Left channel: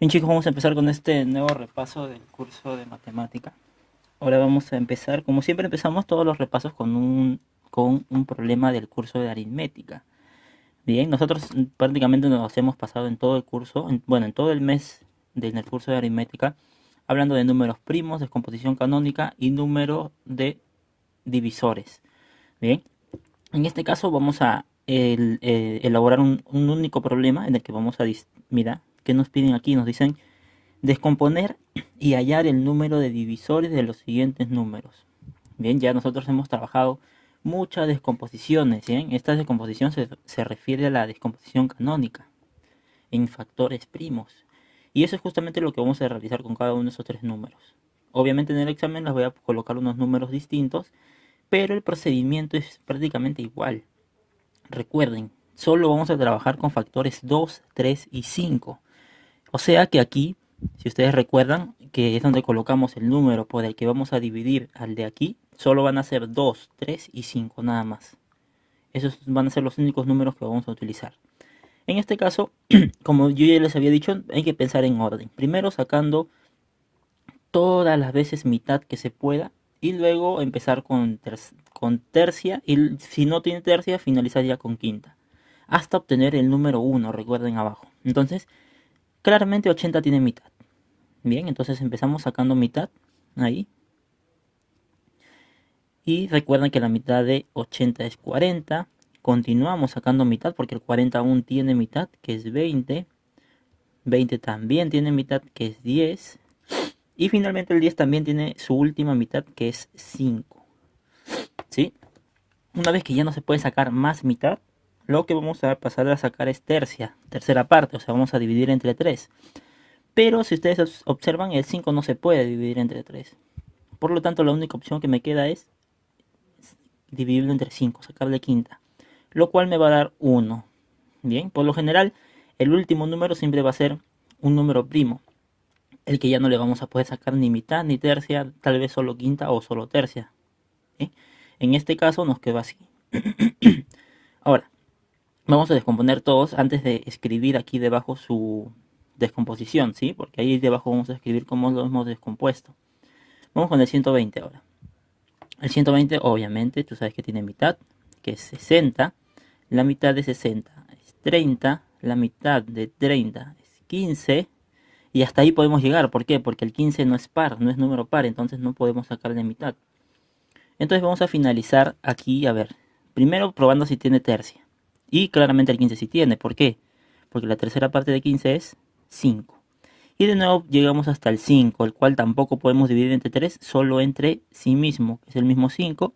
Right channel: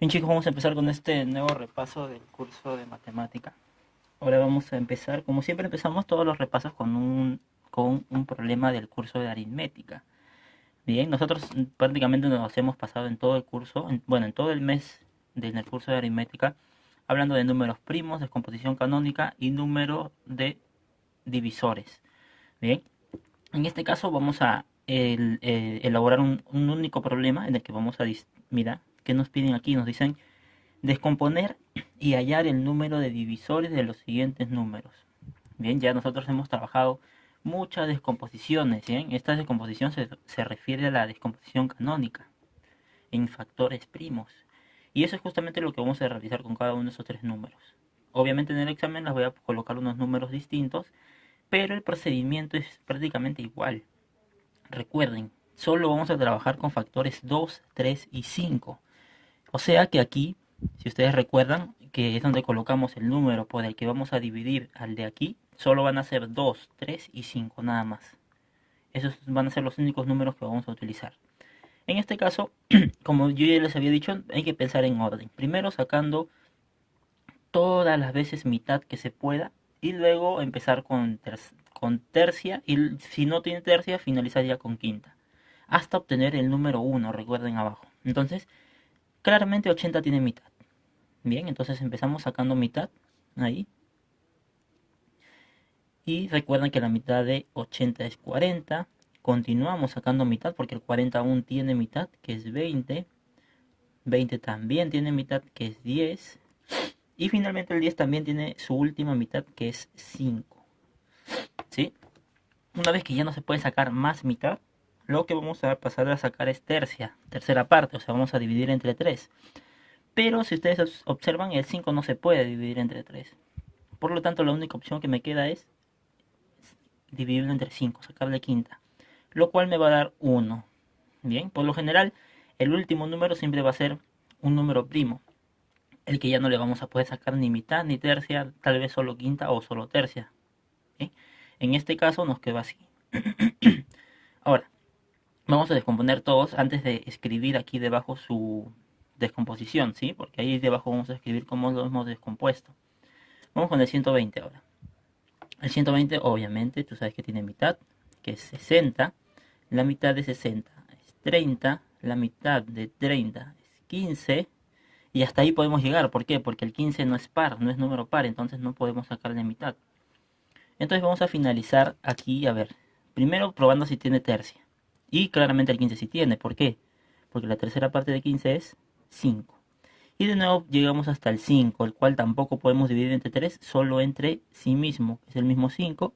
Bien chicos, vamos a empezar con este nuevo repaso del curso de matemática. Ahora vamos a empezar, como siempre empezamos todos los repasos con un problema del curso de aritmética. Bien, nosotros prácticamente nos hemos pasado en todo el curso, bueno, en todo el mes del curso de aritmética, hablando de números primos, descomposición canónica y número de divisores. Bien, en este caso vamos a elaborar un único problema en el que vamos a, mira, ¿qué nos piden aquí? Nos dicen descomponer y hallar el número de divisores de los siguientes números. Bien, ya nosotros hemos trabajado muchas descomposiciones. Bien, esta descomposición se refiere a la descomposición canónica en factores primos. Y eso es justamente lo que vamos a realizar con cada uno de esos tres números. Obviamente en el examen les voy a colocar unos números distintos, pero el procedimiento es prácticamente igual. Recuerden, solo vamos a trabajar con factores 2, 3 y 5. O sea que aquí, si ustedes recuerdan, que es donde colocamos el número por el que vamos a dividir al de aquí, solo van a ser 2, 3 y 5 nada más. Esos van a ser los únicos números que vamos a utilizar. En este caso, como yo ya les había dicho, hay que pensar en orden. Primero sacando todas las veces mitad que se pueda y luego empezar con tercia y si no tiene tercia, finalizar ya con quinta. Hasta obtener el número 1, recuerden abajo. Entonces, claramente 80 tiene mitad. Bien, entonces empezamos sacando mitad ahí. Y recuerden que la mitad de 80 es 40. Continuamos sacando mitad porque el 40 aún tiene mitad, que es 20. 20 también tiene mitad, que es 10. Y finalmente el 10 también tiene su última mitad, que es 5. ¿Sí? Una vez que ya no se puede sacar más mitad, lo que vamos a pasar a sacar es tercera parte, o sea, vamos a dividir entre 3. Pero si ustedes observan, el 5 no se puede dividir entre 3. Por lo tanto, la única opción que me queda es dividirlo entre 5, sacarle quinta, lo cual me va a dar 1. Bien, por lo general, el último número siempre va a ser un número primo, el que ya no le vamos a poder sacar ni mitad ni tercia, tal vez solo quinta o solo tercia. ¿Sí? En este caso nos quedó así. Ahora, vamos a descomponer todos antes de escribir aquí debajo su descomposición, ¿sí? Porque ahí debajo vamos a escribir cómo lo hemos descompuesto. Vamos con el 120 ahora. El 120 obviamente tú sabes que tiene mitad, que es 60. La mitad de 60 es 30. La mitad de 30 es 15. Y hasta ahí podemos llegar. ¿Por qué? Porque el 15 no es par, no es número par, entonces no podemos sacar de mitad. Entonces vamos a finalizar aquí, a ver. Primero probando si tiene tercia. Y claramente el 15 sí tiene. ¿Por qué? Porque la tercera parte de 15 es 5. Y de nuevo llegamos hasta el 5, el cual tampoco podemos dividir entre 3, solo entre sí mismo, que es el mismo 5,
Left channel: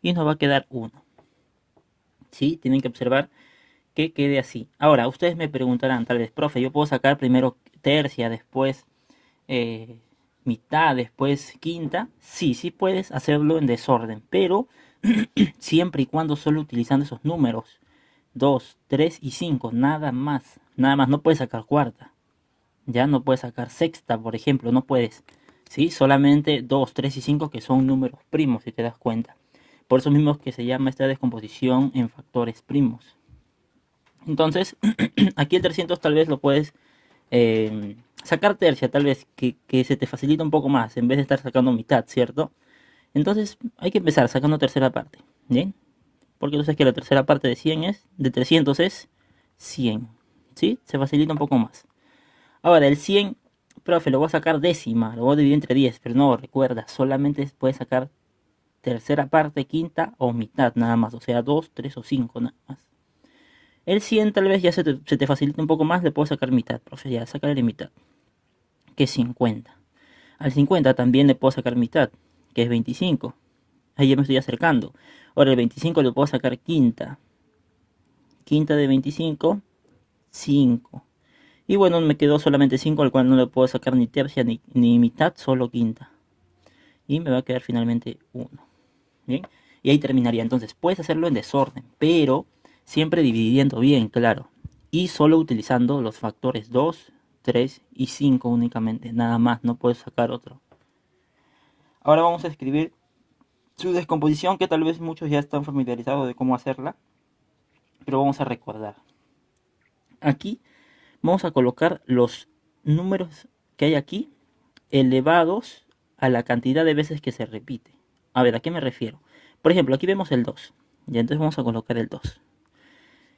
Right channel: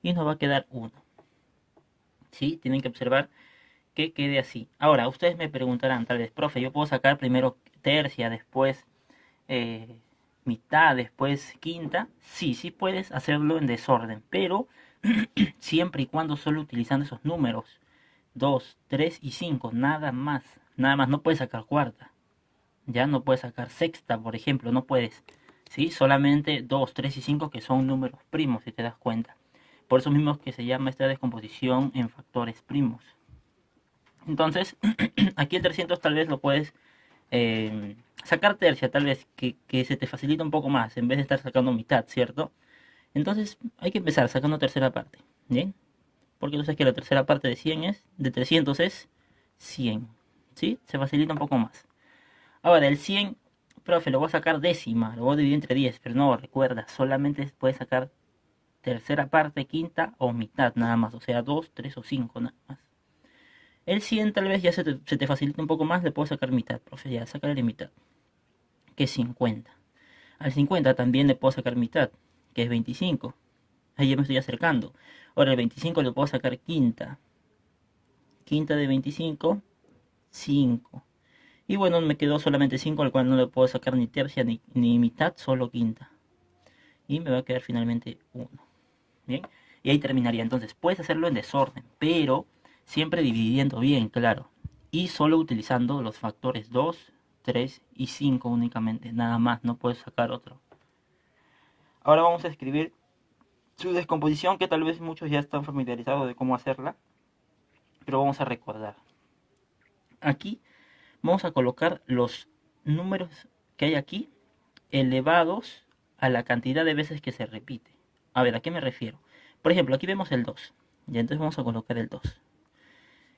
y nos va a quedar 1. ¿Sí? Tienen que observar que quede así. Ahora, ustedes me preguntarán, tal vez, profe, yo puedo sacar primero tercia, después eh, mitad, después quinta. Sí, sí puedes hacerlo en desorden, pero siempre y cuando solo utilizando esos números, 2, 3 y 5, nada más. Nada más, no puedes sacar cuarta. Ya no puedes sacar sexta, por ejemplo, no puedes. ¿Sí? Solamente 2, 3 y 5 que son números primos, si te das cuenta. Por eso mismo que se llama esta descomposición en factores primos. Entonces, aquí el 300 tal vez lo puedes sacar tercia, tal vez que se te facilita un poco más, en vez de estar sacando mitad, ¿cierto? Entonces, hay que empezar sacando tercera parte, ¿bien? Porque tú sabes que la tercera parte de 300 es 100, ¿sí? Se facilita un poco más. Ahora, el 100, profe, lo voy a sacar décima, lo voy a dividir entre 10, pero no, recuerda, solamente puedes sacar tercera parte, quinta o mitad nada más, o sea, 2, 3 o 5 nada más. El 100 tal vez ya se te facilita un poco más, le puedo sacar mitad, profe, ya, sacarle mitad, que es 50. Al 50 también le puedo sacar mitad, que es 25. Ahí ya me estoy acercando. Ahora el 25 le puedo sacar quinta. Quinta de 25, 5. Y bueno, me quedó solamente 5, al cual no le puedo sacar ni tercia ni mitad, solo quinta. Y me va a quedar finalmente 1. ¿Bien? Y ahí terminaría. Entonces, puedes hacerlo en desorden, pero siempre dividiendo bien, claro. Y solo utilizando los factores 2, 3 y 5 únicamente. Nada más, no puedes sacar otro. Ahora vamos a escribir su descomposición, que tal vez muchos ya están familiarizados de cómo hacerla, pero vamos a recordar. Aquí vamos a colocar los números que hay aquí elevados a la cantidad de veces que se repite. A ver, ¿a qué me refiero? Por ejemplo, aquí vemos el 2. Y entonces vamos a colocar el 2.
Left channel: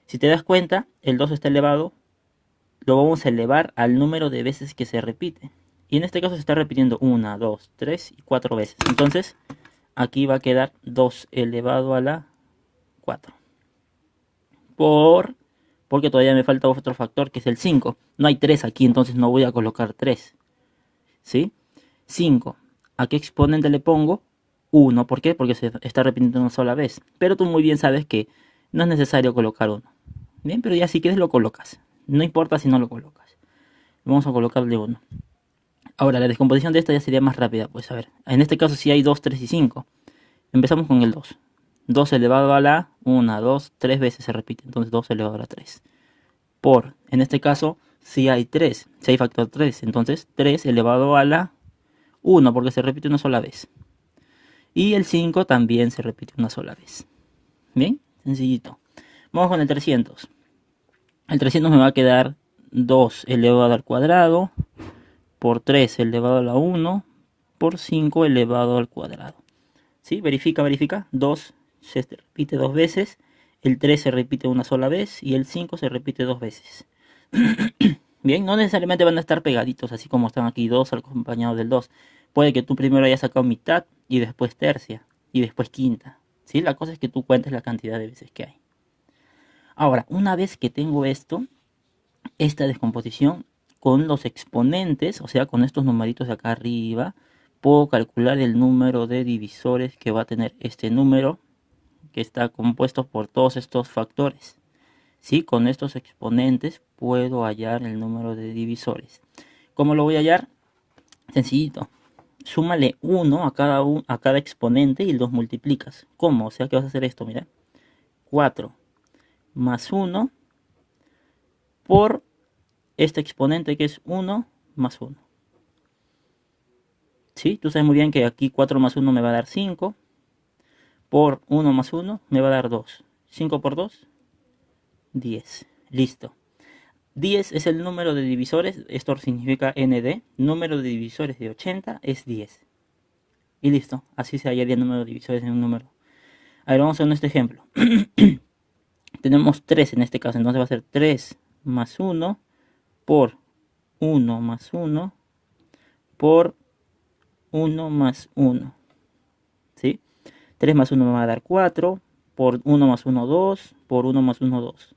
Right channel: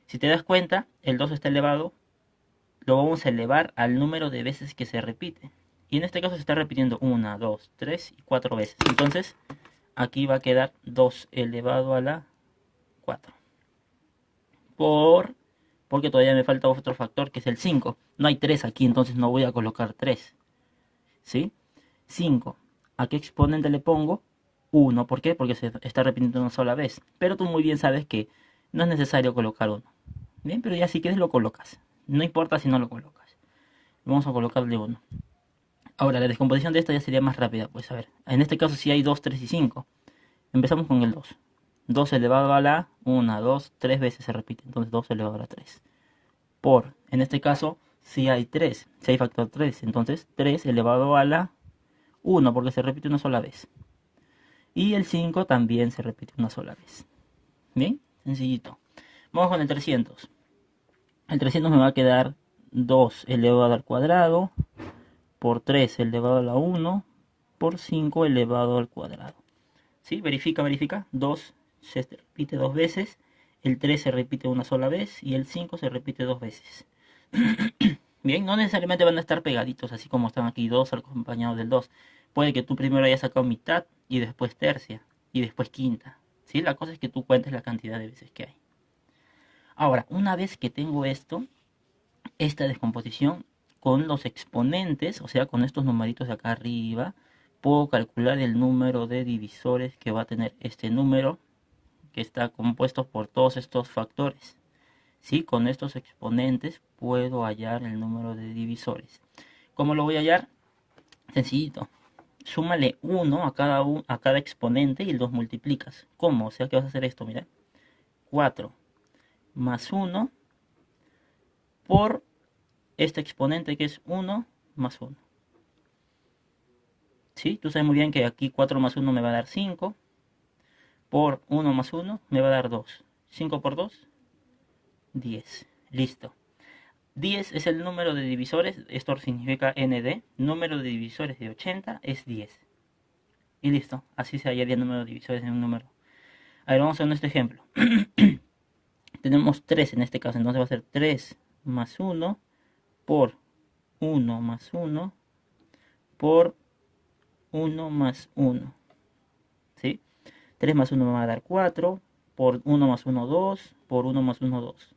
Si te das cuenta, el 2 está elevado, lo vamos a elevar al número de veces que se repite. Y en este caso se está repitiendo 1, 2, 3 y 4 veces. Entonces, aquí va a quedar 2 elevado a la 4. Porque todavía me falta otro factor que es el 5. No hay 3 aquí, entonces no voy a colocar 3. ¿Sí? 5. ¿A qué exponente le pongo? 1. ¿Por qué? Porque se está repitiendo una sola vez. Pero tú muy bien sabes que no es necesario colocar 1. Bien, pero ya si quieres lo colocas. No importa si no lo colocas. Vamos a colocarle 1. Ahora, la descomposición de esta ya sería más rápida. Pues a ver, en este caso sí hay 2, 3 y 5. Empezamos con el 2. 2 elevado a la 1, 2, 3 veces se repite. Entonces 2 elevado a la 3. En este caso, si hay 3, si hay factor 3. Entonces 3 elevado a la 1, porque se repite una sola vez. Y el 5 también se repite una sola vez. Bien, sencillito. Vamos con el 300. El 300 me va a quedar 2 elevado al cuadrado por 3 elevado a la 1 por 5 elevado al cuadrado. ¿Sí? Verifica, verifica. 2 se repite 2 veces. El 3 se repite una sola vez. Y el 5 se repite 2 veces. Bien, no necesariamente van a estar pegaditos, así como están aquí 2 acompañados del 2. Puede que tú primero hayas sacado mitad y después tercia y después quinta. ¿Sí? La cosa es que tú cuentes la cantidad de veces que hay. Ahora, una vez que tengo esta descomposición con los exponentes, o sea, con estos numeritos de acá arriba, puedo calcular el número de divisores que va a tener este número que está compuesto por todos estos factores. ¿Sí? Con estos exponentes puedo hallar el número de divisores. ¿Cómo lo voy a hallar? Sencillito. Súmale 1 a cada exponente y los multiplicas. ¿Cómo? O sea que vas a hacer esto, mira. 4 más 1 por este exponente que es 1 más 1. ¿Sí? Tú sabes muy bien que aquí 4 más 1 me va a dar 5. Por 1 más 1 me va a dar 2. 5 por 2, 10. Listo. 10 es el número de divisores, esto significa ND. Número de divisores de 80 es 10. Y listo, así se hallaría el número de divisores en un número. A ver, vamos a este ejemplo. Tenemos 3 en este caso, entonces va a ser 3 más 1 por 1 más 1 por 1 más 1. ¿Sí? 3 más 1 me va a dar 4, por 1 más 1, 2, por 1 más 1, 2.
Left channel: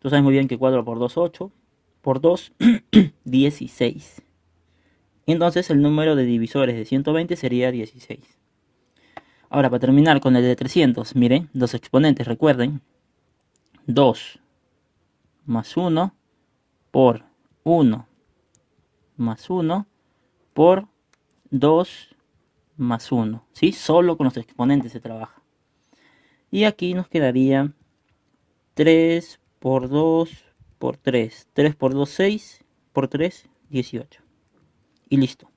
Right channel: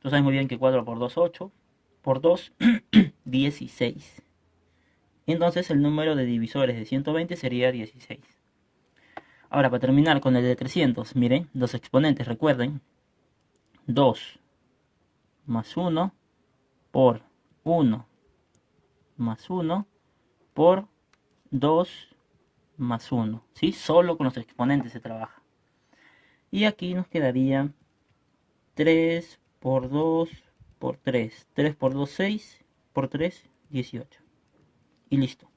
Tú sabes muy bien que 4 por 2, 8, por 2, 16. Entonces el número de divisores de 120 sería 16. Ahora, para terminar con el de 300, miren, los exponentes, recuerden, 2 más 1 por 1 más 1 por 2 más 1. ¿Sí? Solo con los exponentes se trabaja. Y aquí nos quedaría 3 por 2 por 3. 3 por 2, 6. Por 3, 18. Y listo.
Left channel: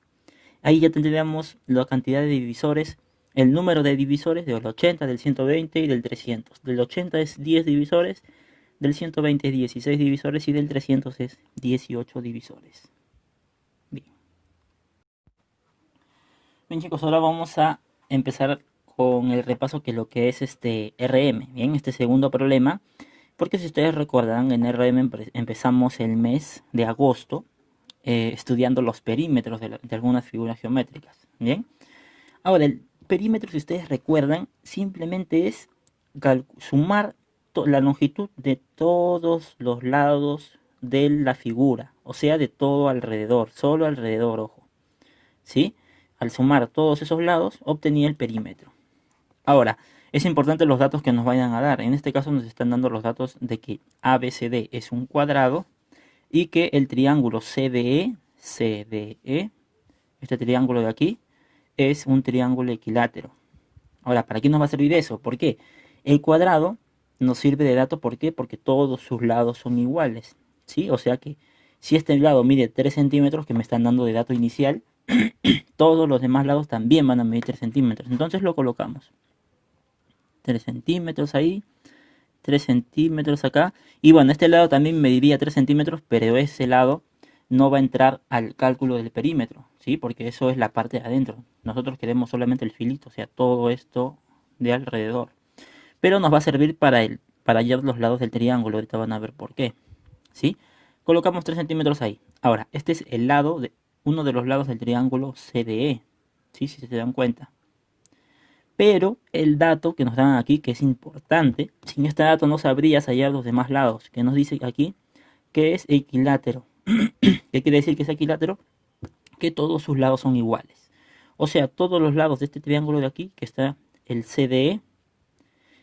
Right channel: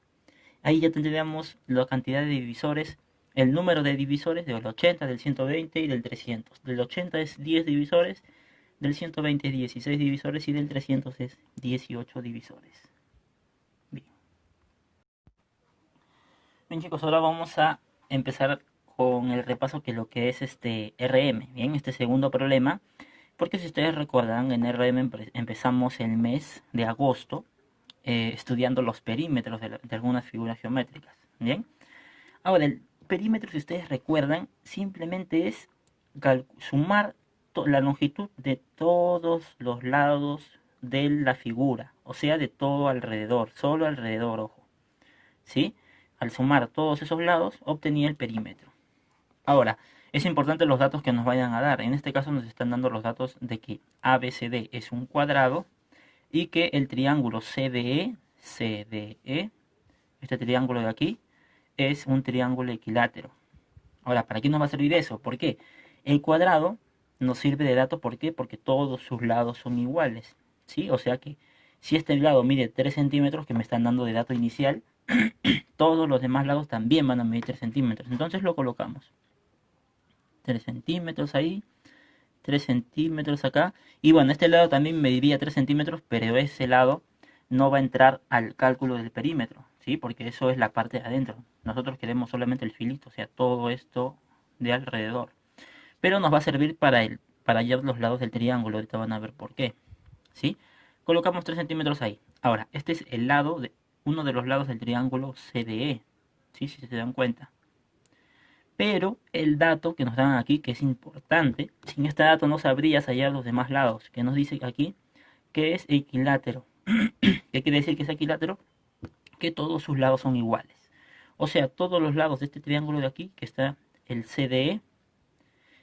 Ahí ya tendríamos la cantidad de divisores, el número de divisores del 80, del 120 y del 300. Del 80 es 10 divisores, del 120 es 16 divisores y del 300 es 18 divisores. Bien. Bien chicos, ahora vamos a empezar con el repaso que lo que es este RM. Bien, este segundo problema. Porque si ustedes recuerdan, en RM empezamos el mes de agosto estudiando los perímetros de algunas figuras geométricas. Bien. Ahora, el perímetro, si ustedes recuerdan, simplemente es sumar la longitud de todos los lados de la figura. O sea, de todo alrededor. Solo alrededor, ojo. ¿Sí? Al sumar todos esos lados, obtenía el perímetro. Ahora, es importante los datos que nos vayan a dar. En este caso nos están dando los datos de que ABCD es un cuadrado y que el triángulo CDE, este triángulo de aquí, es un triángulo equilátero. Ahora, ¿para qué nos va a servir eso? ¿Por qué? El cuadrado nos sirve de dato, ¿por qué? Porque todos sus lados son iguales, ¿sí? O sea que si este lado mide 3 centímetros, que me están dando de dato inicial, todos los demás lados también van a medir 3 centímetros. Entonces lo colocamos. 3 centímetros ahí, 3 centímetros acá. Y bueno, este lado también mediría 3 centímetros, pero ese lado no va a entrar al cálculo del perímetro, ¿sí? Porque eso es la parte de adentro. Nosotros queremos solamente el filito, o sea, todo esto de alrededor. Pero nos va a servir para hallar los lados del triángulo. Ahorita van a ver por qué, ¿sí? Colocamos 3 centímetros ahí. Ahora, este es el lado de uno de los lados del triángulo CDE, ¿sí? Si se dan cuenta. Pero el dato que nos dan aquí, que es importante, sin este dato no sabrías hallar los demás lados, que nos dice aquí que es equilátero. ¿Qué quiere decir que es equilátero? Que todos sus lados son iguales. O sea, todos los lados de este triángulo de aquí, que está el CDE,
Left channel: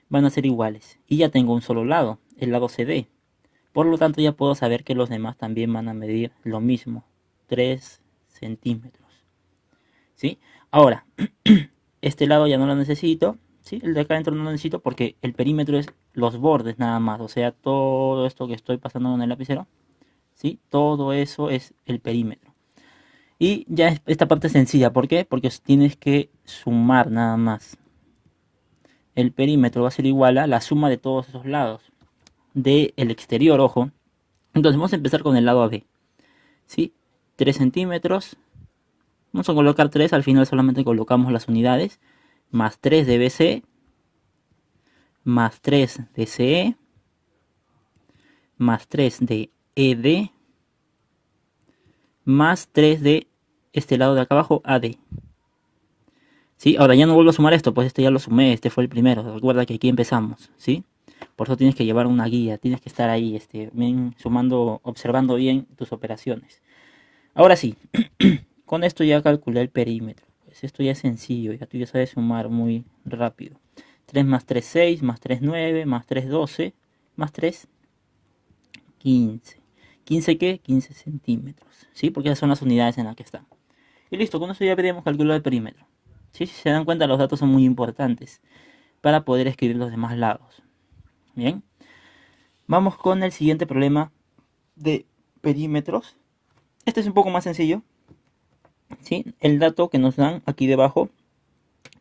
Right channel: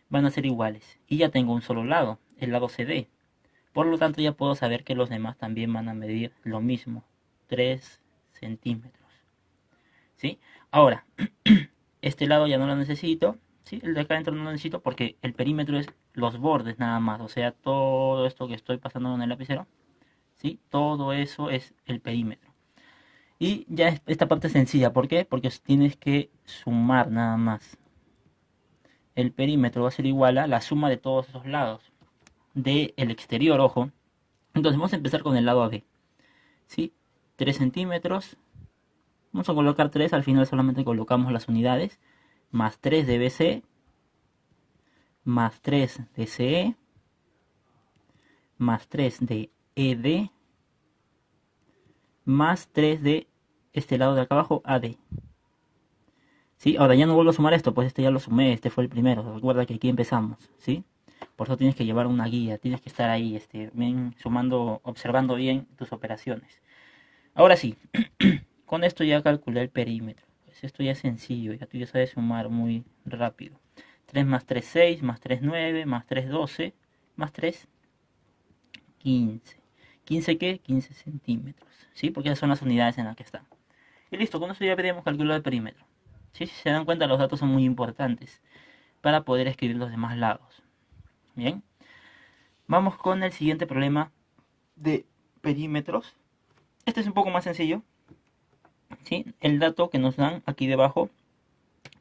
van a ser iguales. Y ya tengo un solo lado, el lado CD. Por lo tanto, ya puedo saber que los demás también van a medir lo mismo, 3 centímetros. ¿Sí? Ahora, este lado ya no lo necesito, ¿sí? El de acá adentro no lo necesito porque el perímetro es los bordes nada más. O sea, todo esto que estoy pasando con el lapicero, ¿sí? Todo eso es el perímetro. Y ya esta parte es sencilla, ¿por qué? Porque tienes que sumar nada más. El perímetro va a ser igual a la suma de todos esos lados del exterior, ojo. Entonces vamos a empezar con el lado AB, ¿sí? 3 centímetros. Vamos a colocar 3, al final solamente colocamos las unidades. Más 3 de BC, más 3 de CE, más 3 de ED, más 3 de este lado de acá abajo, AD. ¿Sí? Ahora ya no vuelvo a sumar esto, pues este ya lo sumé, este fue el primero. Recuerda que aquí empezamos, ¿sí? Por eso tienes que llevar una guía, tienes que estar ahí, bien sumando, observando bien tus operaciones. Ahora sí, con esto ya calculé el perímetro. Pues esto ya es sencillo, ya tú ya sabes sumar muy rápido. 3 más 3, 6, más 3, 9, más 3, 12, más 3, 15. ¿15 qué? 15 centímetros, ¿sí? Porque esas son las unidades en las que están. Y listo, con eso ya podemos calcular el perímetro. ¿Sí? Si se dan cuenta, los datos son muy importantes para poder escribir los demás lados. Bien, vamos con el siguiente problema de perímetros. Este es un poco más sencillo, ¿sí? El dato que nos dan aquí debajo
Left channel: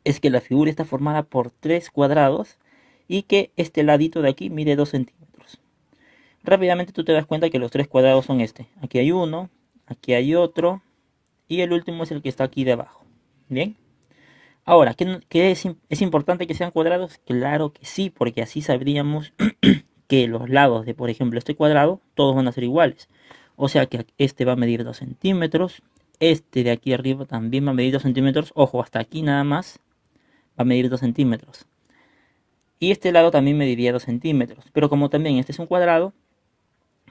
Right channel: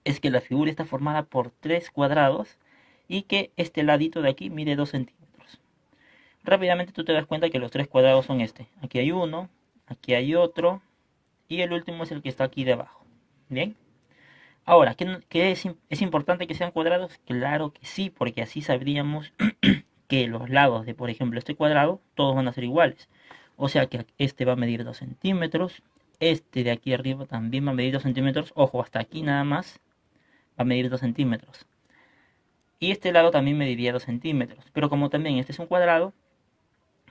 es que la figura está formada por 3 cuadrados y que este ladito de aquí mide 2 centímetros. Rápidamente tú te das cuenta que los 3 cuadrados son este. Aquí hay uno, aquí hay otro y el último es el que está aquí debajo. Bien. Ahora, ¿qué es importante que sean cuadrados? Claro que sí, porque así sabríamos que los lados de, por ejemplo, este cuadrado, todos van a ser iguales. O sea que este va a medir 2 centímetros, este de aquí arriba también va a medir 2 centímetros, ojo, hasta aquí nada más va a medir 2 centímetros. Y este lado también mediría 2 centímetros, pero como también este es un cuadrado,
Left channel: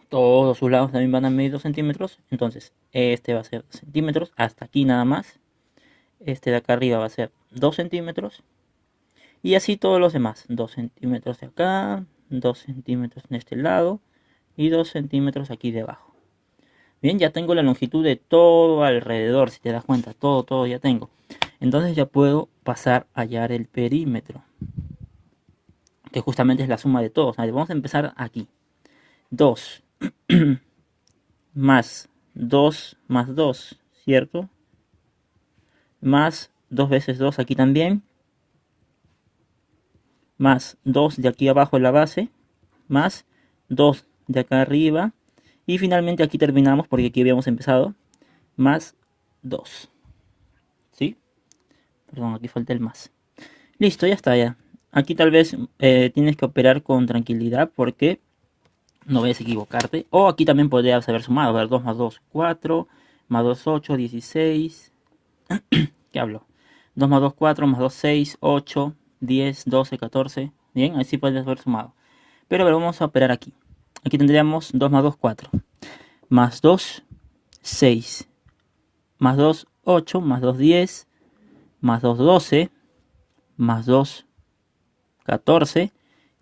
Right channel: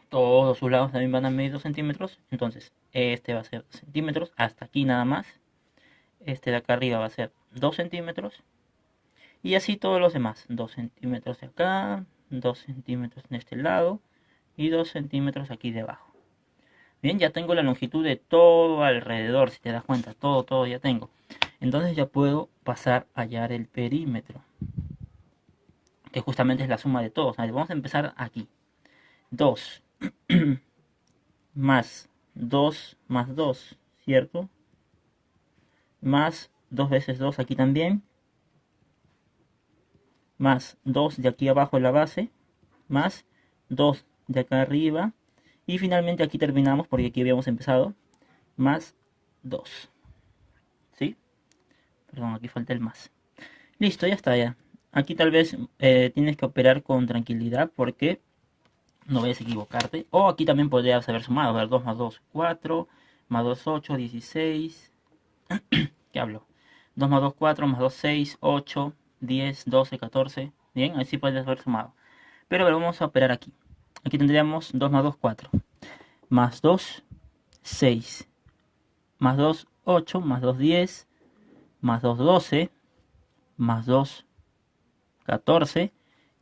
todos sus lados también van a medir 2 centímetros, entonces este va a ser 2 centímetros, hasta aquí nada más. Este de acá arriba va a ser 2 centímetros. Y así todos los demás. 2 centímetros de acá, 2 centímetros en este lado y 2 centímetros aquí debajo. Bien, ya tengo la longitud de todo alrededor, si te das cuenta, todo ya tengo. Entonces ya puedo pasar a hallar el perímetro, que justamente es la suma de todos. Vamos a empezar aquí. 2 más 2 más 2, ¿cierto? Más 2 veces 2 aquí también. Más 2 de aquí abajo en la base. Más 2 de acá arriba. Y finalmente aquí terminamos porque aquí habíamos empezado. Más 2. ¿Sí? Perdón, aquí falta el más. Listo, ya está ya. Aquí tal vez tienes que operar con tranquilidad porque no vayas a equivocarte. O aquí también podrías haber sumado. A ver, 2 más 2, 4. Más 2, 8, 16. ¿Qué hablo? 2 más 2, 4. Más 2, 6, 8, 10, 12, 14. Bien, así podrías haber sumado. Pero vamos a operar aquí. Aquí tendríamos 2 más 2, 4. Más 2, 6. Más 2, 8. Más 2, 10. Más 2, 12. Más 2, 14.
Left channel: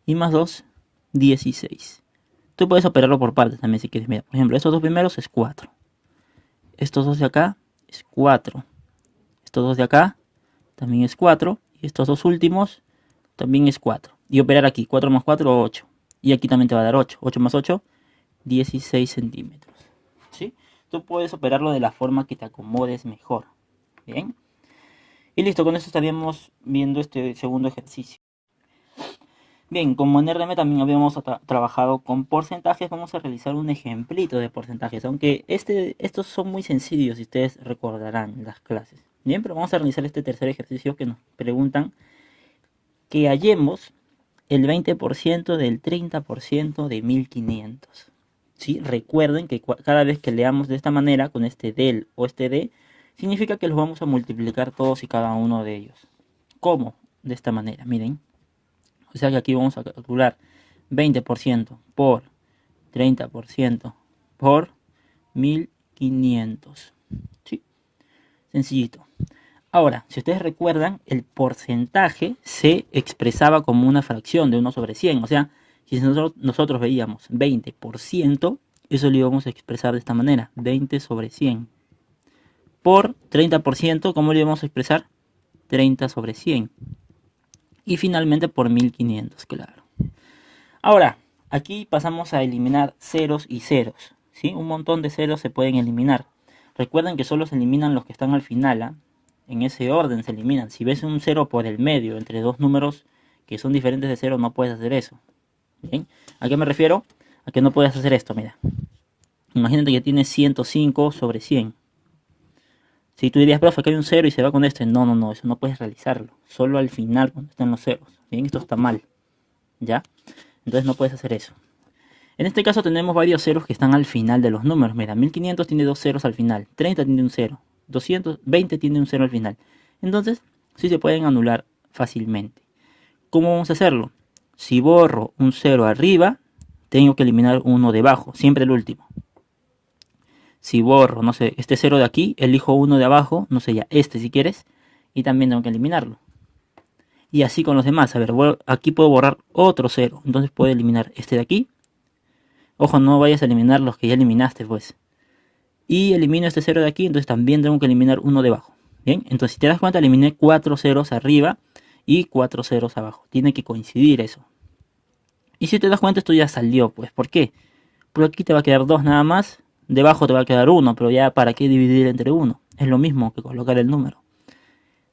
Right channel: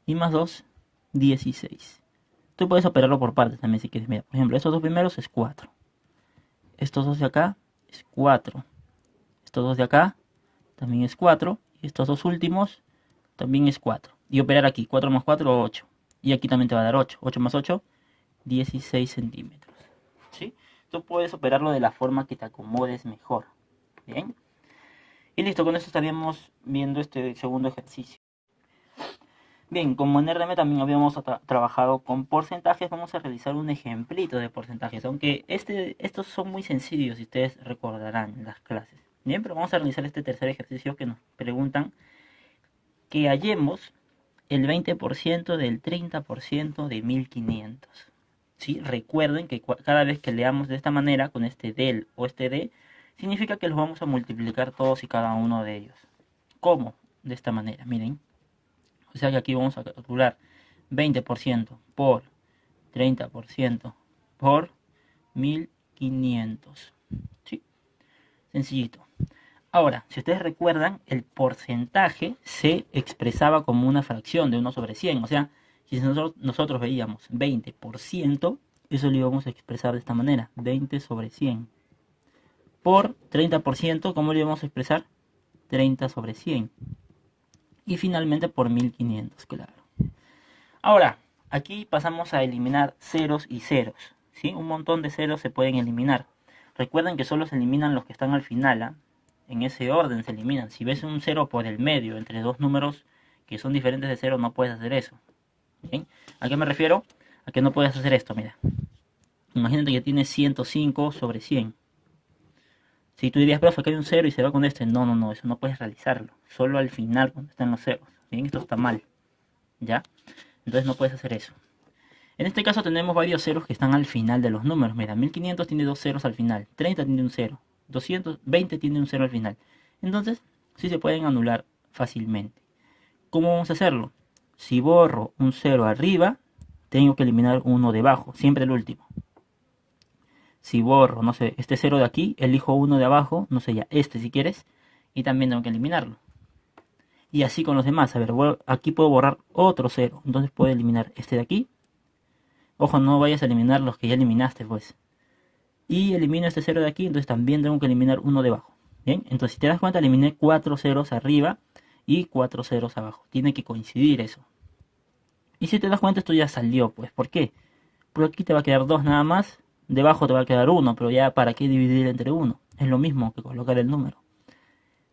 Y más 2, 16. Tú puedes operarlo por partes también si quieres. Mira, por ejemplo, estos dos primeros es 4. Estos dos de acá es 4. Estos dos de acá también es 4. Y estos dos últimos también es 4. Y operar aquí, 4 más 4, 8. Y aquí también te va a dar 8. 8 más 8, 16 centímetros. ¿Sí? Tú puedes operarlo de la forma que te acomodes mejor. Bien. Y listo, con eso estaríamos viendo este segundo ejercicio. Bien, como en RDM también habíamos trabajado con porcentajes, vamos a realizar un ejemplito de porcentajes, aunque estos son muy sencillos, si ustedes recordarán las clases. Bien, pero vamos a realizar este tercer ejercicio que nos preguntan que hallemos el 20% del 30% de 1500. ¿Sí? Recuerden que cada vez que leamos de esta manera, con este del o este de, significa que los vamos a multiplicar todos y cada uno de ellos. ¿Cómo? De esta manera, miren. O sea que aquí vamos a calcular 20% por 30% por 1500. ¿Sí? Sencillito. Ahora, si ustedes recuerdan, el porcentaje se expresaba como una fracción de 1 sobre 100. O sea, si nosotros veíamos 20%, eso lo íbamos a expresar de esta manera, 20 sobre 100. Por 30%, ¿cómo lo íbamos a expresar? 30 sobre 100. Y finalmente por 1500, claro. Ahora, aquí pasamos a eliminar ceros y ceros. ¿Sí? Un montón de ceros se pueden eliminar. Recuerden que solo se eliminan los que están al final, ¿ah? En ese orden se eliminan. Si ves un 0 por el medio entre dos números que son diferentes de 0, no puedes hacer eso. ¿Bien? ¿A qué me refiero? A que no puedes hacer esto, mira. Imagínate que tienes 105 sobre 100. Si tú dirías, profe, que hay un 0 y se va con este. No, no, no, eso no puedes realizarlo. Solo al final, cuando están los ceros. Bien, esto está mal. ¿Ya? Entonces no puedes hacer eso. En este caso tenemos varios ceros que están al final de los números. Mira, 1500 tiene dos ceros al final. 30 tiene un 0. 220 tiene un 0 al final. Entonces, sí se pueden anular fácilmente. ¿Cómo vamos a hacerlo? Si borro un 0 arriba, tengo que eliminar uno debajo. Siempre el último. Si borro, no sé, este 0 de aquí, elijo uno de abajo. No sé, ya este si quieres. Y también tengo que eliminarlo. Y así con los demás. A ver, aquí puedo borrar otro 0. Entonces puedo eliminar este de aquí. Ojo, no vayas a eliminar los que ya eliminaste, pues. Y elimino este 0 de aquí, entonces también tengo que eliminar uno debajo. Bien, entonces si te das cuenta, eliminé 4 ceros arriba y 4 ceros abajo. Tiene que coincidir eso. Y si te das cuenta, esto ya salió, pues. ¿Por qué? Porque aquí te va a quedar 2 nada más. Debajo te va a quedar 1, pero ya para qué dividir entre 1. Es lo mismo que colocar el número.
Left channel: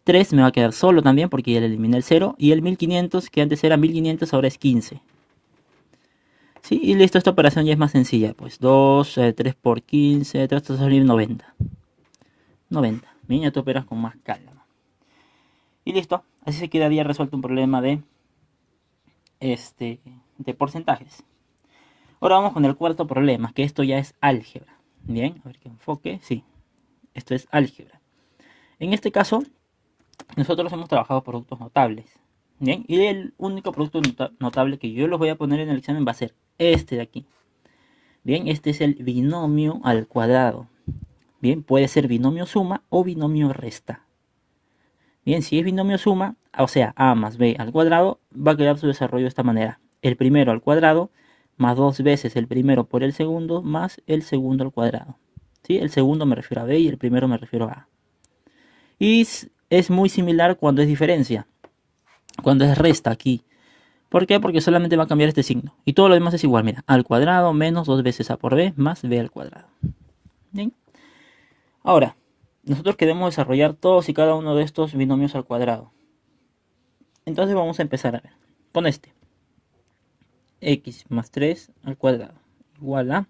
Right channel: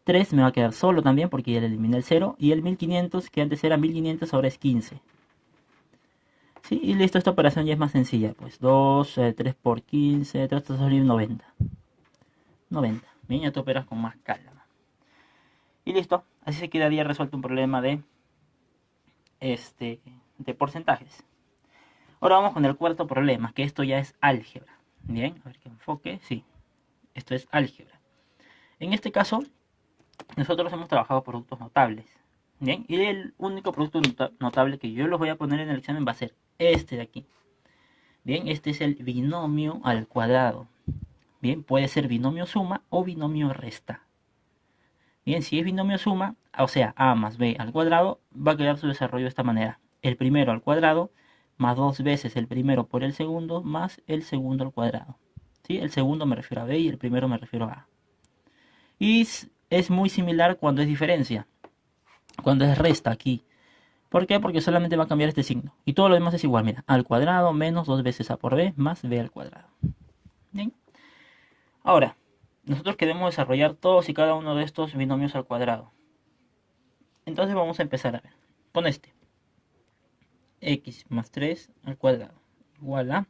3 me va a quedar solo también porque ya le eliminé el 0. Y el 1500, que antes era 1500, ahora es 15. Sí, y listo, esta operación ya es más sencilla. Pues 2, 3 por 15, te va a salir 90. 90. Bien, ya tú operas con más calma. Y listo, así se quedaría resuelto un problema de porcentajes. Ahora vamos con el cuarto problema, que esto ya es álgebra. Bien, a ver qué enfoque. Sí, esto es álgebra. En este caso, nosotros hemos trabajado productos notables. Bien, y el único producto notable que yo los voy a poner en el examen va a ser este de aquí. Bien, este es el binomio al cuadrado. Bien, puede ser binomio suma o binomio resta. Bien, si es binomio suma, o sea, a más b al cuadrado, va a quedar su desarrollo de esta manera. El primero al cuadrado más 2 veces el primero por el segundo más el segundo al cuadrado. ¿Sí? El segundo me refiero a b y el primero me refiero a a. Y es muy similar cuando es diferencia. Cuando es resta aquí. ¿Por qué? Porque solamente va a cambiar este signo. Y todo lo demás es igual. Mira, al cuadrado menos 2 veces a por b más b al cuadrado. ¿Bien? Ahora, nosotros queremos desarrollar todos y cada uno de estos binomios al cuadrado. Entonces vamos a empezar a ver. Con este. X más 3 al cuadrado. Igual a.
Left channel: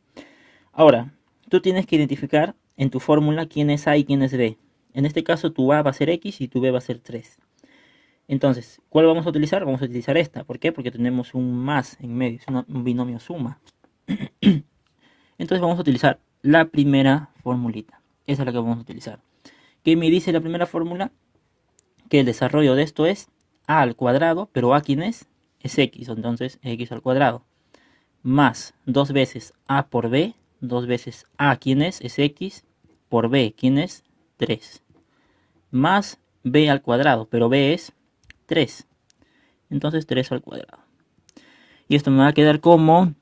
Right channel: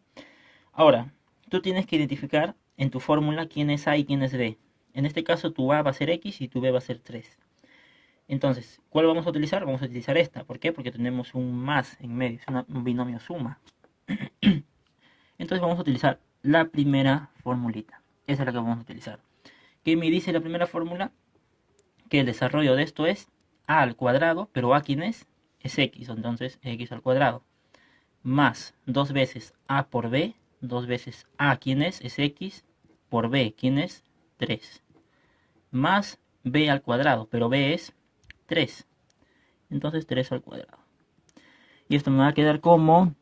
Ahora, tú tienes que identificar en tu fórmula quién es A y quién es B. En este caso tu A va a ser X y tu B va a ser 3. Entonces, ¿cuál vamos a utilizar? Vamos a utilizar esta. ¿Por qué? Porque tenemos un más en medio. Es un binomio suma. Entonces vamos a utilizar la primera formulita. Esa es la que vamos a utilizar. ¿Qué me dice la primera fórmula? Que el desarrollo de esto es a al cuadrado, pero a ¿quién es? Es x, entonces x al cuadrado. Más 2 veces a por b, 2 veces a ¿quién es? Es x, por b, ¿quién es? 3. Más b al cuadrado, pero b es 3. Entonces 3 al cuadrado. Y esto me va a quedar como,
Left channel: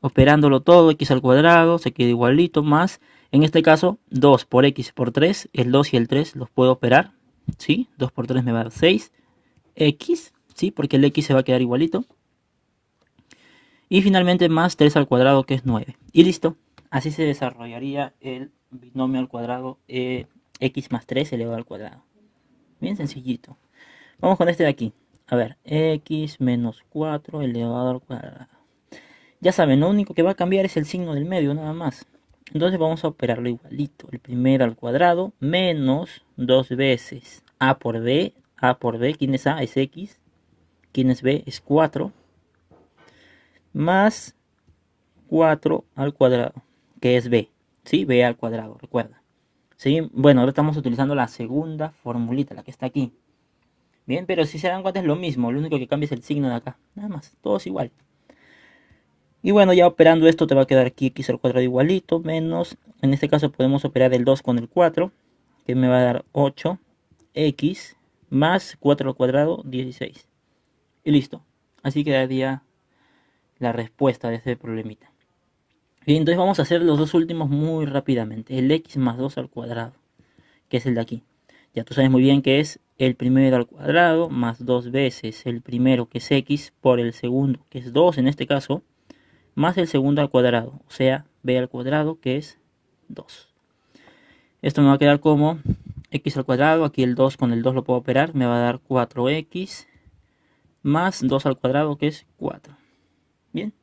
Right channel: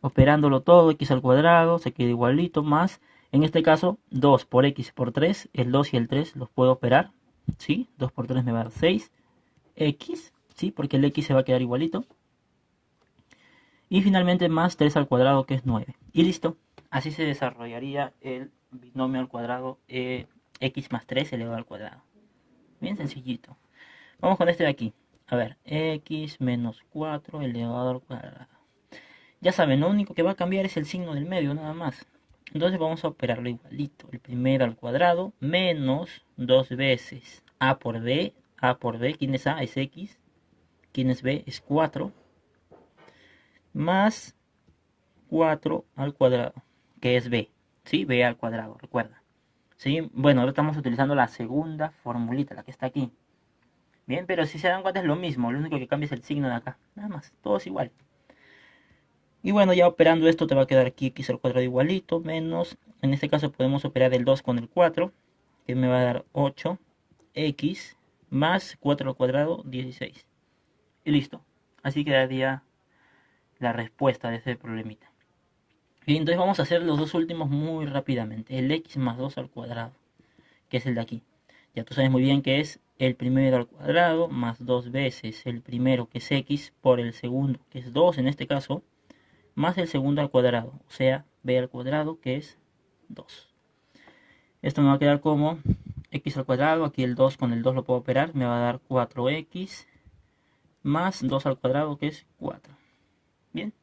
operándolo todo, x al cuadrado, se queda igualito, más, en este caso, 2 por x por 3, el 2 y el 3 los puedo operar, ¿sí? 2 por 3 me va a dar 6, x, ¿sí? Porque el x se va a quedar igualito. Y finalmente más 3 al cuadrado, que es 9. Y listo, así se desarrollaría el binomio al cuadrado x más 3 elevado al cuadrado. Bien sencillito. Vamos con este de aquí. A ver, x menos 4 elevado al cuadrado. Ya saben, lo único que va a cambiar es el signo del medio, nada más. Entonces vamos a operarlo igualito. El primero al cuadrado menos 2 veces a por b. A por b, ¿quién es a? Es x. ¿Quién es b? Es 4. Más 4 al cuadrado, que es b. ¿Sí? B al cuadrado, recuerda. ¿Sí? Bueno, ahora estamos utilizando la segunda formulita, la que está aquí. Bien, pero si se dan cuenta es lo mismo. Lo único que cambia es el signo de acá. Nada más, todo es igual. Y bueno, ya operando esto te va a quedar aquí x al cuadrado igualito, menos, en este caso podemos operar el 2 con el 4, que me va a dar 8x más 4 al cuadrado, 16. Y listo. Así quedaría la respuesta de ese problemita. Bien, entonces vamos a hacer los dos últimos muy rápidamente. El x más 2 al cuadrado, que es el de aquí. Ya tú sabes muy bien que es el primero al cuadrado más 2 veces el primero, que es x, por el segundo, que es 2 en este caso, más el segundo al cuadrado, o sea, b al cuadrado, que es 2. Esto me va a quedar como x al cuadrado, aquí el 2 con el 2 lo puedo operar, me va a dar 4x más 2 al cuadrado, que es 4. Bien.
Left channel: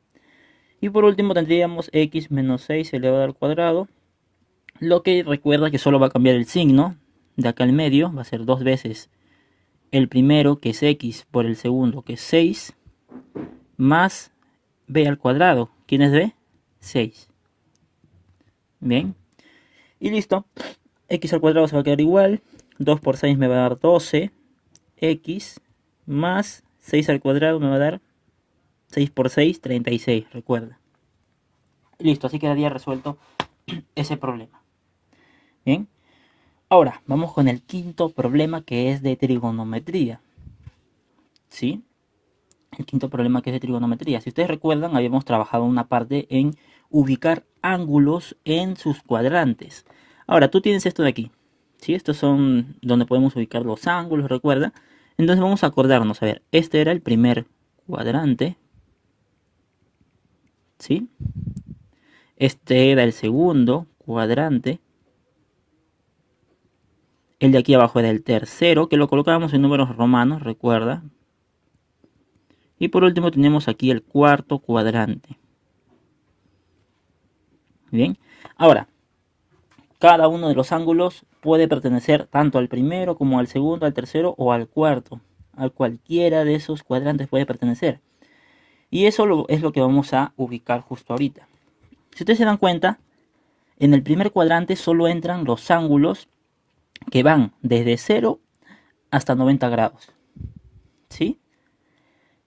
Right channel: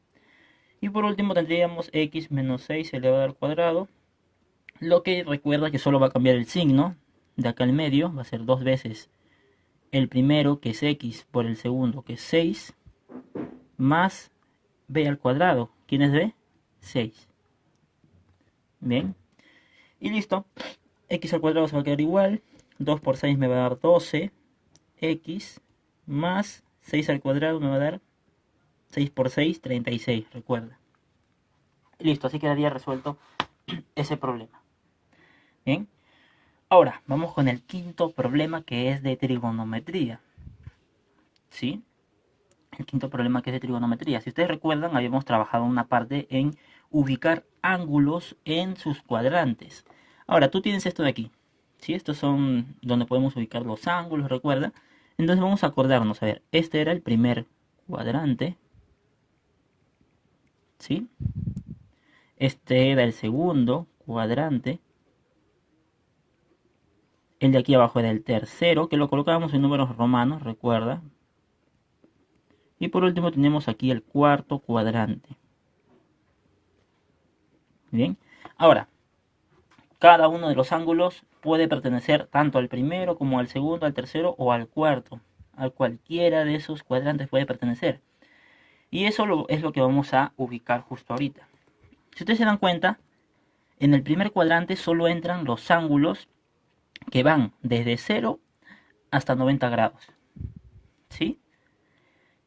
Y por último tendríamos x menos 6 elevado al cuadrado, lo que recuerda que solo va a cambiar el signo de acá al medio, va a ser 2 veces el primero, que es x, por el segundo, que es 6, más b al cuadrado. ¿Quién es b? 6. Bien. Y listo. X al cuadrado se va a quedar igual. 2 por 6 me va a dar 12. X más 6 al cuadrado me va a dar 6 por 6, 36. Recuerda. Listo. Así quedaría resuelto ese problema. Bien. Ahora, vamos con el quinto problema, que es de trigonometría. ¿Sí? El quinto problema, que es de trigonometría. Si ustedes recuerdan, habíamos trabajado una parte en ubicar ángulos en sus cuadrantes. Ahora, tú tienes esto de aquí. ¿Sí? Estos son donde podemos ubicar los ángulos, recuerda. Entonces vamos a acordarnos. A ver, este era el primer cuadrante. ¿Sí? Este era el segundo cuadrante. El de aquí abajo era el tercero, que lo colocábamos en números romanos, recuerda. Y por último tenemos aquí el cuarto cuadrante. Bien. Ahora, cada uno de los ángulos puede pertenecer tanto al primero como al segundo, al tercero o al cuarto. A cualquiera de esos cuadrantes puede pertenecer. Y eso es lo que vamos a ubicar justo ahorita. Si ustedes se dan cuenta, en el primer cuadrante solo entran los ángulos que van desde 0 hasta 90 grados. ¿Sí?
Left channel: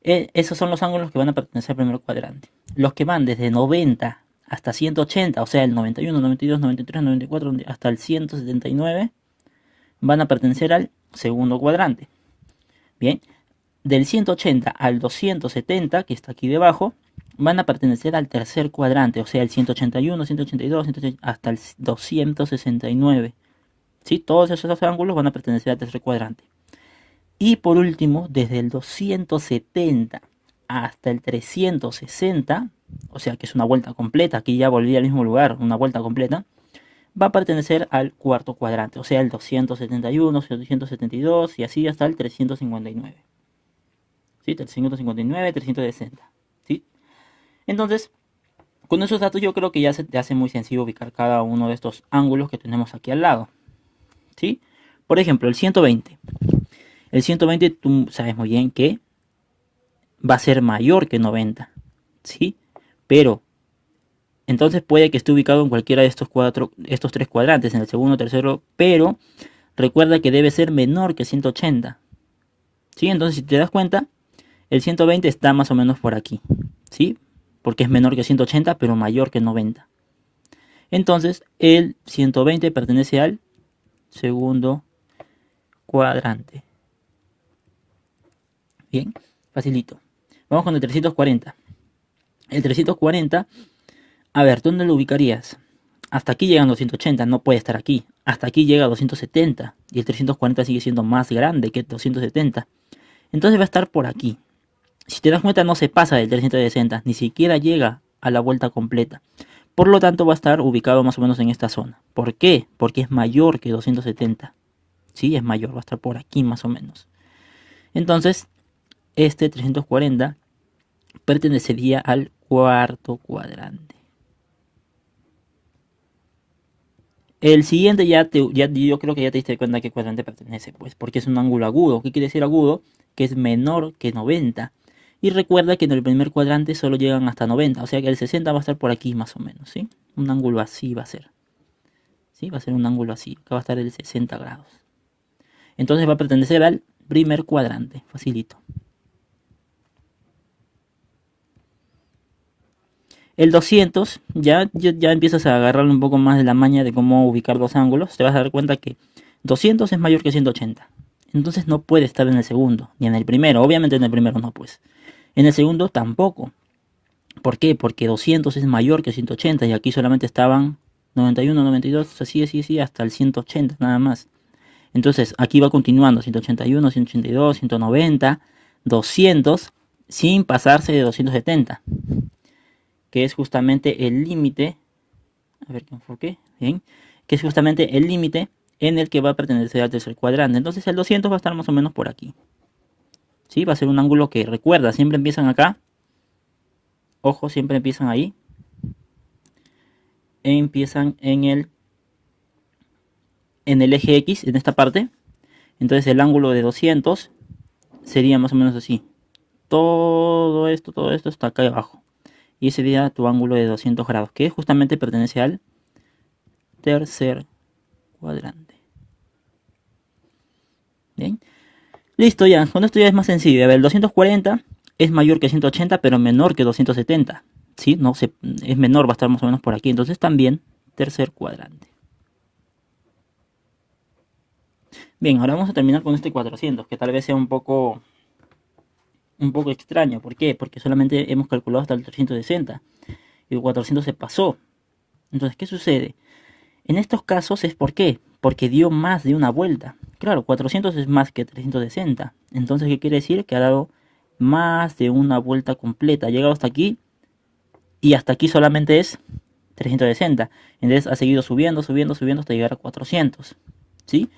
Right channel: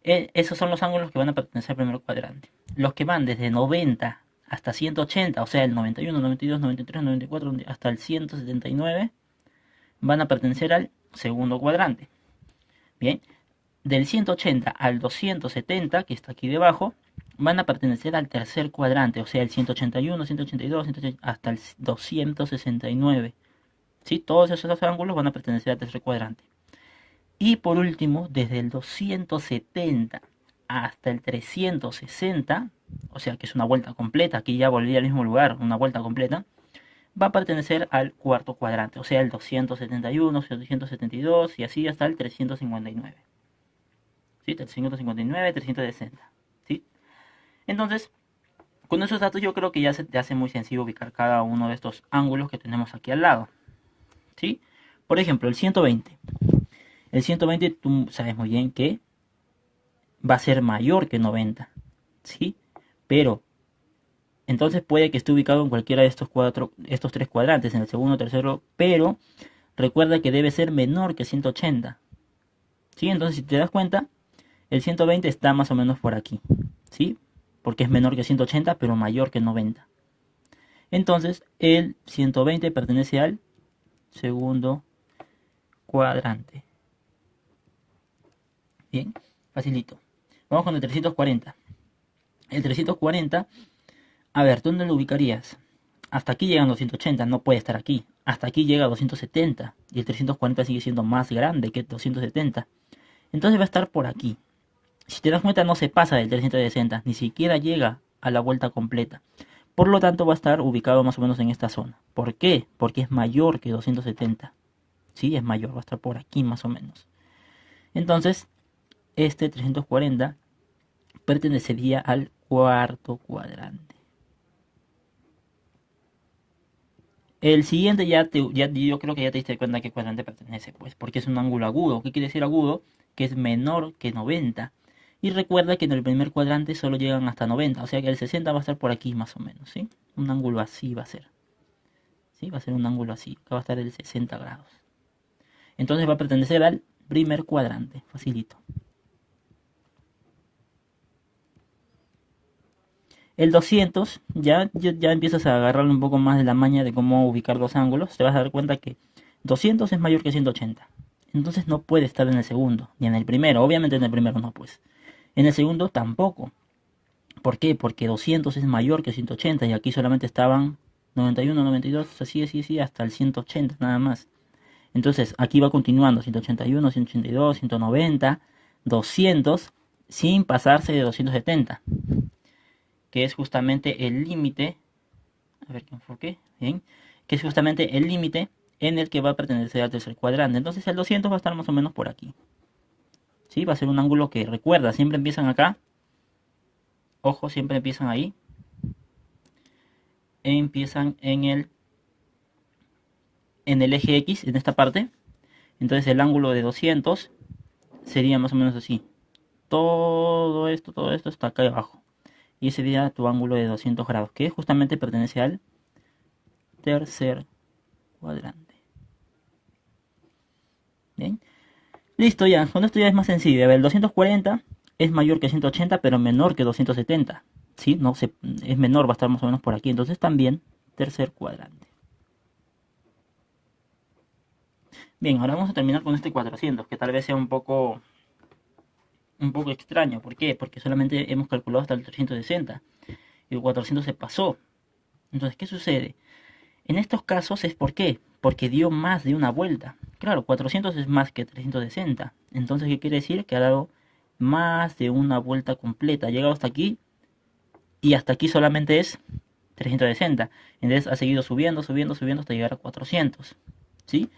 Esos son los ángulos que van a pertenecer al primer cuadrante. Los que van desde 90 hasta 180, o sea, el 91, 92, 93, 94, hasta el 179, van a pertenecer al segundo cuadrante. Bien, del 180 al 270, que está aquí debajo, van a pertenecer al tercer cuadrante, o sea, el 181, 182, 180, hasta el 269. ¿Sí? Todos esos ángulos van a pertenecer al tercer cuadrante. Y por último, desde el 270 hasta el 360, o sea que es una vuelta completa, aquí ya volví al mismo lugar, una vuelta completa, va a pertenecer al cuarto cuadrante, o sea el 271, 272 y así hasta el 359. ¿Sí? 359, 360. ¿Sí? Entonces, con esos datos yo creo que ya se te hace muy sencillo ubicar cada uno de estos ángulos que tenemos aquí al lado. ¿Sí? Por ejemplo, el 120. El 120 tú sabes muy bien que va a ser mayor que 90. ¿Sí? Pero, entonces puede que esté ubicado en cualquiera de estos tres cuadrantes, en el segundo, tercero, pero recuerda que debe ser menor que 180. ¿Sí? Entonces, si te das cuenta, el 120 está más o menos por aquí. ¿Sí? Porque es menor que 180, pero mayor que 90. Entonces, el 120 pertenece al segundo cuadrante. Bien, facilito. Vamos con el 340. El 340, a ver, ¿dónde lo ubicarías? Hasta aquí llegan 280, no puede estar aquí. Hasta aquí llega 270 y el 340 sigue siendo más grande que 270. Entonces va a estar por aquí. Si te das cuenta, no se pasa del 360, ni siquiera llega a la vuelta completa. Por lo tanto, va a estar ubicado más o menos en esta zona. ¿Por qué? Porque es mayor que 270. Sí, es mayor, va a estar por aquí más o menos. Entonces, este 340 pertenecería al cuarto cuadrante. El siguiente yo creo que ya te diste cuenta a qué cuadrante pertenece, pues, porque es un ángulo agudo. ¿Qué quiere decir agudo? Que es menor que 90. Y recuerda que en el primer cuadrante solo llegan hasta 90, o sea que el 60 va a estar por aquí más o menos, ¿sí? Un ángulo así va a ser, ¿sí? Va a ser un ángulo así, acá va a estar el 60 grados. Entonces va a pertenecer al primer cuadrante, facilito. El 200, ya empiezas a agarrarle un poco más de la maña de cómo ubicar los ángulos. Te vas a dar cuenta que 200 es mayor que 180. Entonces no puede estar en el segundo, ni en el primero. Obviamente en el primero no, pues. En el segundo tampoco. ¿Por qué? Porque 200 es mayor que 180 y aquí solamente estaban 91, 92, así, hasta el 180 nada más. Entonces aquí va continuando 181, 182, 190, 200 sin pasarse de 270. Que es justamente el límite, a ver que enfoque, bien, que es justamente el límite en el que va a pertenecer al tercer cuadrante. Entonces el 200 va a estar más o menos por aquí. ¿Sí? Va a ser un ángulo que, recuerda, siempre empiezan acá. Ojo, siempre empiezan ahí. Empiezan en el eje X, en esta parte. Entonces el ángulo de 200 sería más o menos así. Todo esto está acá abajo. Y ese sería tu ángulo de 200 grados, que justamente pertenece al tercer cuadrante. Bien. Listo ya, con esto ya es más sencillo. A ver, el 240 es mayor que 180, pero menor que 270. ¿Sí? No, es menor, va a estar más o menos por aquí. Entonces también tercer cuadrante. Bien, ahora vamos a terminar con este 400, que tal vez sea un poco extraño. ¿Por qué? Porque solamente hemos calculado hasta el 360 y el 400 se pasó. Entonces, ¿qué sucede? En estos casos es ¿por qué? Porque dio más de una vuelta. Claro, 400 es más que 360. Entonces, ¿qué quiere decir? Que ha dado más de una vuelta completa. Ha llegado hasta aquí y hasta aquí solamente es 360. Entonces ha seguido subiendo hasta llegar a 400. ¿Sí?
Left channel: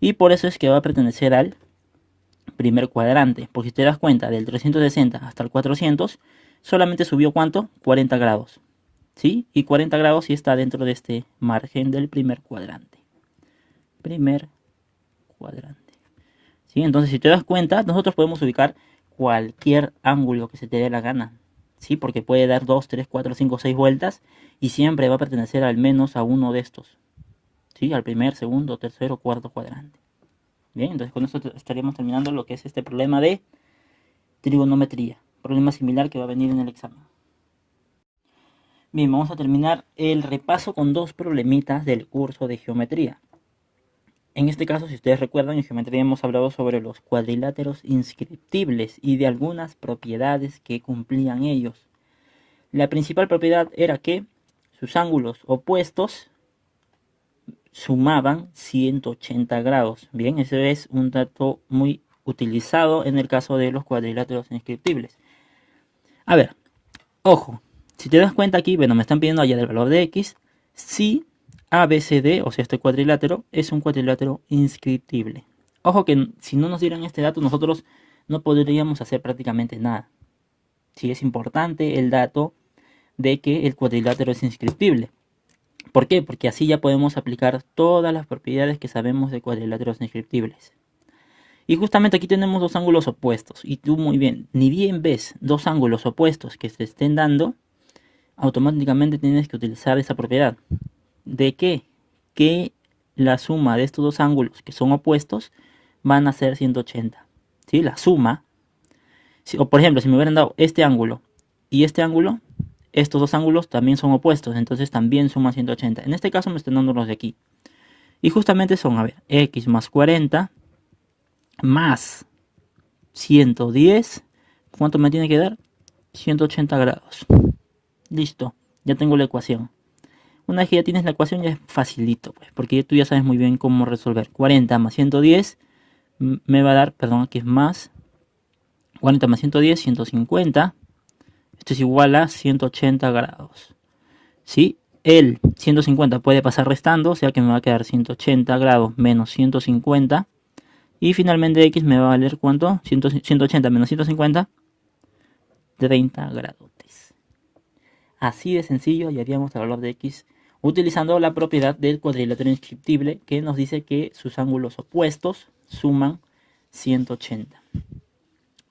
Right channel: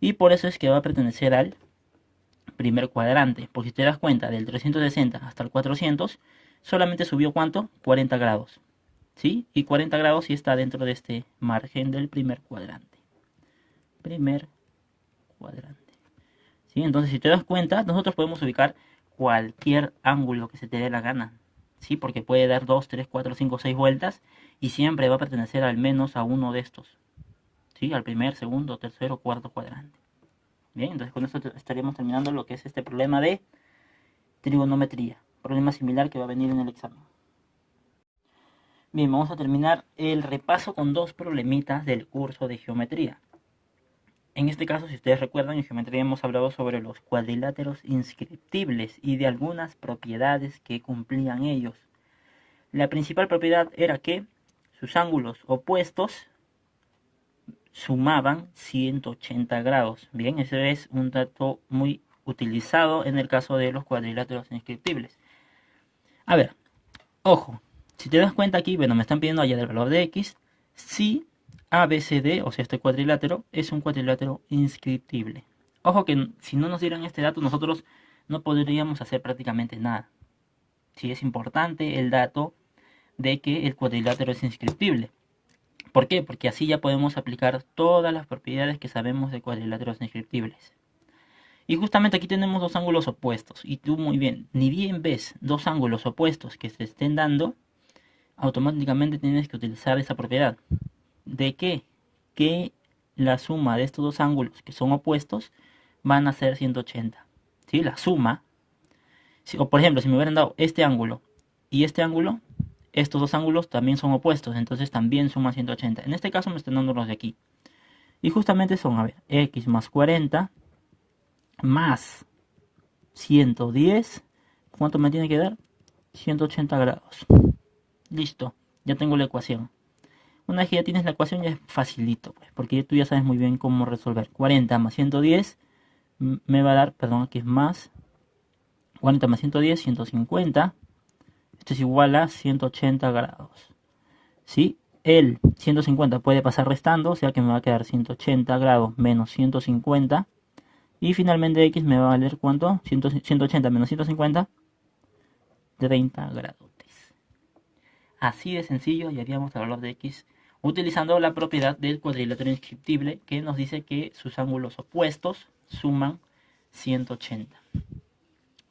Y por eso es que va a pertenecer al primer cuadrante. Porque si te das cuenta, del 360 hasta el 400, solamente subió ¿cuánto? 40 grados. ¿Sí? Y 40 grados sí está dentro de este margen del primer cuadrante. Primer cuadrante. ¿Sí? Entonces, si te das cuenta, nosotros podemos ubicar cualquier ángulo que se te dé la gana. ¿Sí? Porque puede dar 2, 3, 4, 5, 6 vueltas y siempre va a pertenecer al menos a uno de estos. ¿Sí? Al primer, segundo, tercero, cuarto cuadrante. Bien, entonces con esto estaríamos terminando lo que es este problema de trigonometría. Problema similar que va a venir en el examen. Bien, vamos a terminar el repaso con dos problemitas del curso de geometría. En este caso, si ustedes recuerdan, en geometría hemos hablado sobre los cuadriláteros inscriptibles y de algunas propiedades que cumplían ellos. La principal propiedad era que sus ángulos opuestos sumaban 180 grados. Bien, ese es un dato muy utilizado en el caso de los cuadriláteros inscriptibles. A ver, ojo, si te das cuenta aquí, bueno, me están pidiendo allá del valor de x, si ABCD, o sea, este cuadrilátero, es un cuadrilátero inscriptible. Ojo que si no nos dieran este dato, nosotros no podríamos hacer prácticamente nada. Sí, es importante el dato de que el cuadrilátero es inscriptible. ¿Por qué? Porque así ya podemos aplicar todas las propiedades que sabemos de cuadriláteros inscriptibles. Y justamente aquí tenemos dos ángulos opuestos. Y tú muy bien, ni bien ves dos ángulos opuestos que se estén dando, automáticamente tienes que utilizar esa propiedad. ¿De qué? Que la suma de estos dos ángulos que son opuestos van a ser 180. ¿Sí? La suma. O por ejemplo, si me hubieran dado este ángulo y este ángulo, estos dos ángulos también son opuestos, entonces también suman 180. En este caso me están dando los de aquí. Y justamente son, a ver, x más 40 más 110. ¿Cuánto me tiene que dar? 180 grados. Listo, ya tengo la ecuación. Una vez que ya tienes la ecuación ya es facilito, pues, porque tú ya sabes muy bien cómo resolver. 40 más 110 me va a dar, perdón, aquí es más 40 más 110, 150. Esto es igual a 180 grados. ¿Sí? El 150 puede pasar restando, o sea que me va a quedar 180 grados menos 150. Y finalmente x me va a valer ¿cuánto? 180 menos 150, 30 grados. Así de sencillo hallaríamos el valor de x utilizando la propiedad del cuadrilátero inscriptible que nos dice que sus ángulos opuestos suman 180.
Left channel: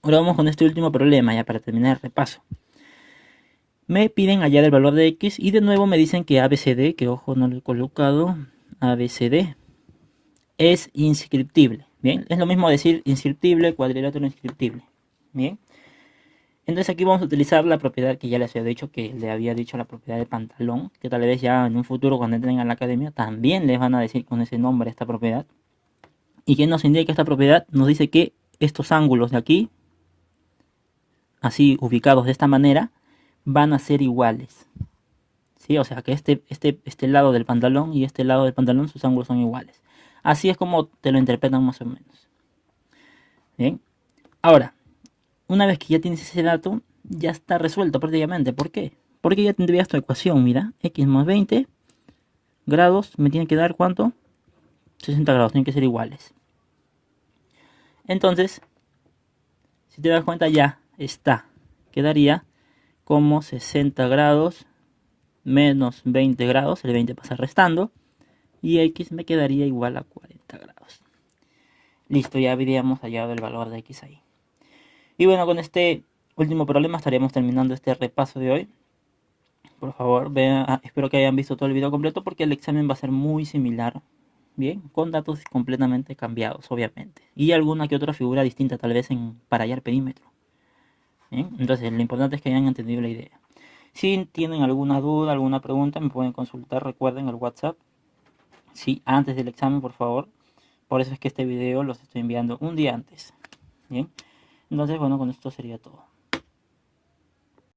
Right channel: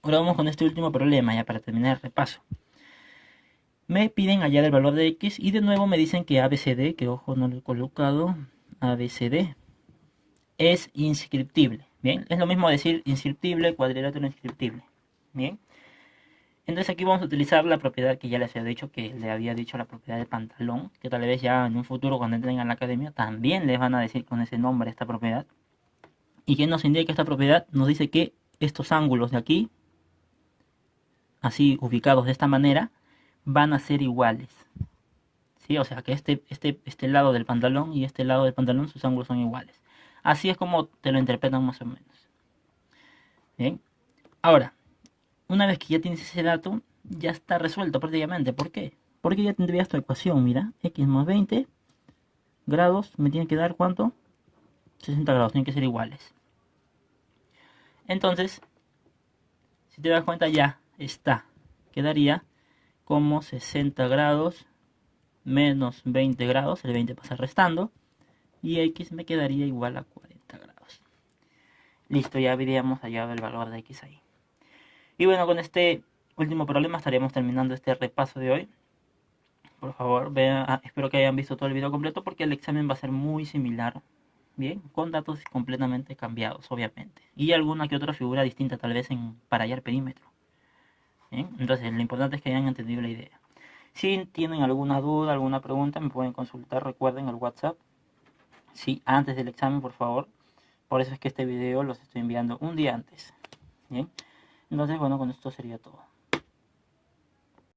Ahora vamos con este último problema ya para terminar el repaso. Me piden hallar el valor de x y de nuevo me dicen que ABCD, que ojo no lo he colocado, ABCD es inscriptible. Bien, es lo mismo decir inscriptible, cuadrilátero inscriptible. Bien. Entonces aquí vamos a utilizar la propiedad que ya les había dicho, la propiedad de pantalón, que tal vez ya en un futuro cuando entren a la academia también les van a decir con ese nombre esta propiedad. ¿Y qué nos indica esta propiedad? Nos dice que estos ángulos de aquí, así ubicados de esta manera, van a ser iguales. ¿Sí? O sea que este lado del pantalón y este lado del pantalón, sus ángulos son iguales. Así es como te lo interpretan más o menos. Bien. Ahora, una vez que ya tienes ese dato, ya está resuelto prácticamente. ¿Por qué? Porque ya tendrías tu ecuación, mira, x más 20 grados me tiene que dar ¿cuánto? 60 grados, tienen que ser iguales. Entonces, si te das cuenta ya está. Quedaría como 60 grados menos 20 grados, el 20 pasa restando, y x me quedaría igual a 40 grados. Listo, ya habríamos hallado el valor de x ahí. Y bueno, con este último problema estaríamos terminando este repaso de hoy. Por favor, vean, espero que hayan visto todo el video completo porque el examen va a ser muy similar. Bien, con datos completamente cambiados, obviamente. Y alguna que otra figura distinta, tal vez para hallar perímetro. Bien, entonces lo importante es que hayan entendido la idea. Si tienen alguna duda, alguna pregunta, me pueden consultar, recuerden, el WhatsApp. Sí, antes del examen, por favor. Por eso es que este video los estoy enviando un día antes. Bien, entonces, bueno, con esto sería todo.